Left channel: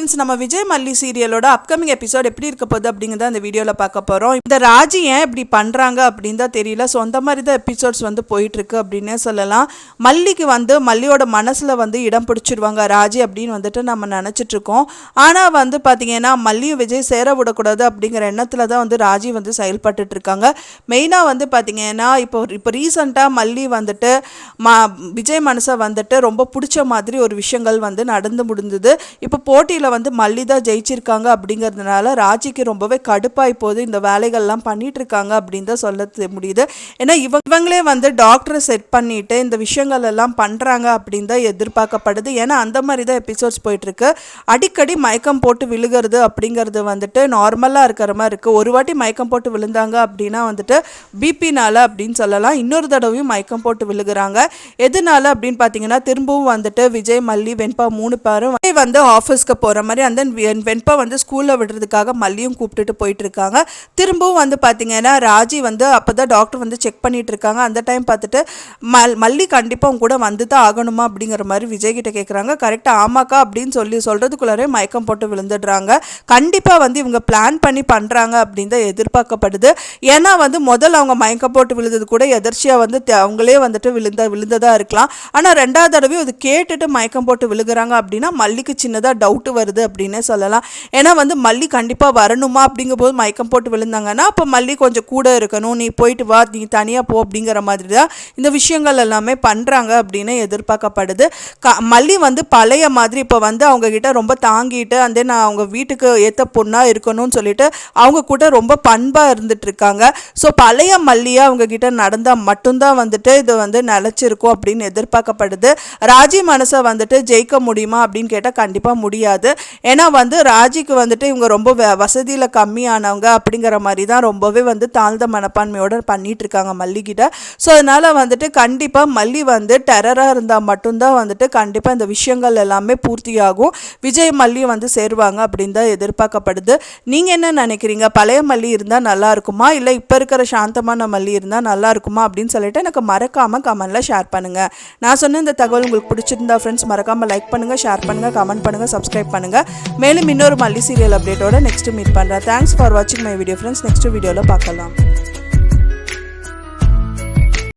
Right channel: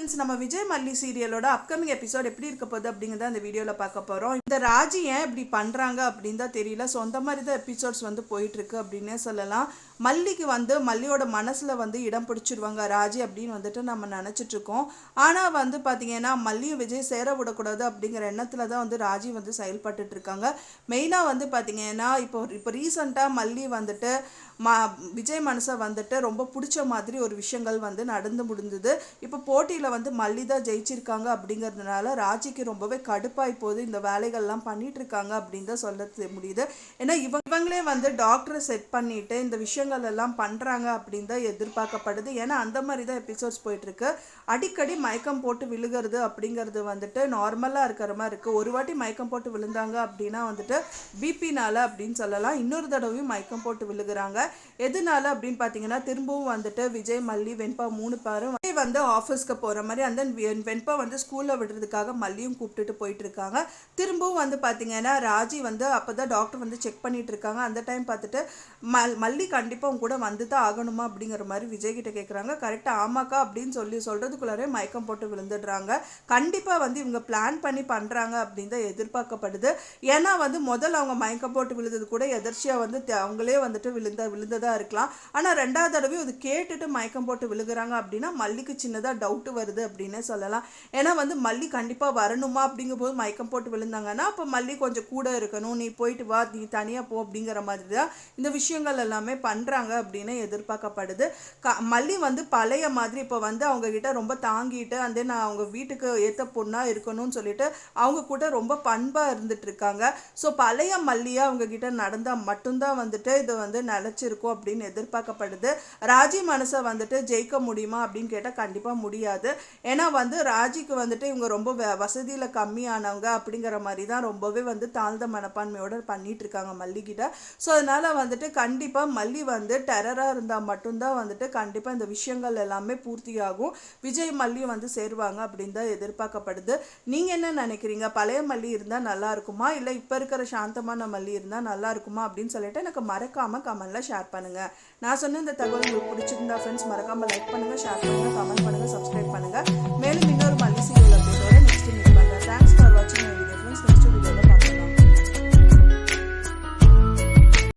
Friends, நம்ம விஜய் மல்லி சீரியலோட upcoming episode எப்படி இருக்க போகுது அப்படிங்கிறத அந்த வீடியோவில் பார்க்க போகிறோம். இந்த ராஜி ஏன் இப்படி பண்ணுறாங்க அப்படின்னு தான் தெரியல. ஸோ அந்த மாதிரி தான் எபிசோட்ஸ் வந்து போயிட்டுருக்கு அப்படின்னே சொல்லலாம். மல்லிக்கு வந்து மல்லியோட மனசில் வந்து இடம் பிடிச்சிடுவாங்க ராஜி அப்படின்னு வந்துட்டு நம்ம நினச்சிட்ருக்கோம். ஆனால் வந்து பார்த்திங்கன்னா மல்லியும் விஜய் சேர விடக்கூடாது அப்படிங்கிற எண்ணத்தில் தான் வந்து ராஜி வந்து செயல்பட்டுட்ருக்காங்க. மெயினாக வந்து பார்த்திங்கன்னா இப்போ ரீசண்டாக மல்லி வந்துட்டு விஜய் மனசை வந்துட்டு ரொம்ப பிடிச்ச மாதிரி ஒரு விஷயங்கள் வந்து நடந்து முடிந்தது. இப்போ போட்டியில் வந்து மல்லி தான் ஜெயிச்சிருக்காங்க அப்படிங்கிறதுனால ராஜிக்கு ரொம்பவே கடுப்பாய் போகுது. இந்த வேலைகள்லாம் பண்ணிட்டு இருக்காங்க அப்படின்னு தான் சொல்ல முடியுது. ஏன்னா இவங்களே வந்து டாக்டரை செட் பண்ணிட்டு இந்த விஷயங்கள் எல்லாம் பண்ணுறாங்க அப்படின்னு தான் எதிர்பார்க்கப்படுது. ஏன்னா அந்த மாதிரி தான் எபிசோட்ஸ் போயிட்டுருக்கு. அடிக்கடி மயக்கம் போட்டு விழுகிறது அப்படிங்கிறது வந்துட்டு நார்மலாக இருக்கிற மாதிரி இருக்குது. ஒரு வாட்டி மயக்கம் போட்டு விழுந்தாங்க அப்படின்னா வந்துட்டு பிபினால அப்படின்னு சொல்லலாம். இன்னொரு தடவையும் மயக்கம் போட்டு விழுகிறாங்க. எதனால அப்படின்னு பார்த்தீங்கன்னா திரும்பவும் வந்துட்டு விஜய் மல்லி வெண்பா 3 பேரும் வந்து ஆஃபீஸ்க்கு போகிற மாதிரி அந்த வெண்பா வந்து ஸ்கூலில் விடுறதுக்காக மல்லியும் கூப்பிட்டுட்டு போயிட்டு இருக்காங்க. திரும்பவும் வந்து பார்த்தீங்கன்னா ராஜி வந்து அப்போ தான் டாக்டர் வந்து செக் பண்ணிட்டு இருக்காங்க. அந்த டைம் பார்த்துட்டு மல்லி கண்டிப்பாக அவங்க கூட வந்து தான் ஆகணுமா அப்படிங்கிற மாதிரி விஜய் கிட்ட கேட்குறாங்க. கரெக்டாக ஆமாக்கா அப்படின்னு சொல்கிறதுக்குள்ளாரே மயக்கம் போட்டு விழுந்துடுறாங்க. கண்டிப்பாக வந்து இவங்க பிளான் பண்ணி பண்ணுறாங்க அப்படின்னு தான் எதிர்பார்க்கப்படுது. ஏன்னா வந்து முதல்ல அவங்க மயக்கம் போட்டு விழுந்தது கூட எதர்ச்சியாக வந்து அவங்களே வந்துட்டு விழுந்ததாக இருக்கலாம். ஆனால் 2வது தடவையும் அது கேட்டுட்டு மயக்கம் போட்டு விழுகிறாங்க அப்படின்னா மல்லிக்கு சின்னதாக டவுட்டு வருது அப்படின்னே சொல்லலாம். ஏன்னா வந்து மல்லி கண்டிப்பாக வரணுமா அப்படிங்கும்போது மயக்கம் போட்டு விழுந்தாங்கன்னா அப்போ மல்லி கொஞ்சம் கூட இருக்கணும், நீ போயிட்டு வா, நீ தனியாக போ அப்படிங்கிற மாதிரி தான் இந்த விஷயங்கள் எல்லாமே பண்ணுறாங்க அப்படின்னு எதிர்பார்க்கப்படுது. மல்லி வந்து பழைய மாதிரி இப்போ வந்து அவங்கக்கிட்ட ரொம்ப தாங்கிட்டு அந்த நான் அவங்க வீட்டுக்கு ஏற்ற பொண்ணாக இருக்கணும்னு சொல்லிட்டு அவங்க கூட ரொம்ப பண்பாக இருந்துகிட்ருக்காங்க. ஸோ பழைய மல்லியாக அவங்கக்கிட்ட நடந்தால் மட்டும்தான் வந்துட்டு இது வந்து நிலச்சிருக்கும் அப்படின்னு எதிர்பார்க்கப்படுது. ராஜி மனசை வந்துட்டு ஜெயிக்க முடியுமா அப்படின்னு கேட்டால் கண்டிப்பாக முடியாது. ஏன்னா வந்து ராஜிக்கு வந்துட்டு இவங்க ரொம்ப வசதியில் கம்மியானவங்க அப்படிங்கிற மாதிரி தான் ரொம்பவே வந்து தாழ்ந்த மனப்பான்மையோடு பண்ணிட்டு இருக்காங்க மல்லிகிட்ட. ஸோ அதனால் வந்துட்டு கண்டிப்பாக மல்லி வந்து டெரராக இருந்தால் மட்டும்தான் வந்துட்டு கண்டிப்பாக இந்த விஷயங்கள் எல்லாமே பூர்த்தியாகும். விஜய் மல்லி வந்து சேருவாங்க அப்படின்னு தான் எதிர்பார்க்கப்படுது. நீங்கள் என்ன நினைக்கிறீங்க? பழைய மல்லி இருந்தால் நல்லா இருக்குமா, இல்லை இப்போ இருக்கிற சாந்தமான மல்லி இருந்தால் நல்லா இருக்குமா அப்படின்னு சொல்லிட்டு எனக்கு மறக்காமல் கமெண்ட்டில் ஷேர் பண்ணுங்கள். நான் சொன்ன இந்த தகவல் உங்களுக்கு பிடிச்சிருந்தா ஃப்ரெண்ட்ஸ் மறக்காமல் லைக் பண்ணுங்கள், ஷேர் பண்ணுங்கள், கமெண்ட் பண்ணுங்கள், சப்ஸ்கிரைப் பண்ணுங்கள். மேலும் இன்னொரு மல்லி சீரியல் அப்டேட்டோட நெக்ஸ்ட் மீட் பண்ணுறேன். தேங்க்ஸ் ஃபார் வாட்சிங் மை வீடியோ ஃப்ரெண்ட்ஸ். நெக்ஸ்ட் வீடியோவில் பார்க்கலாம்.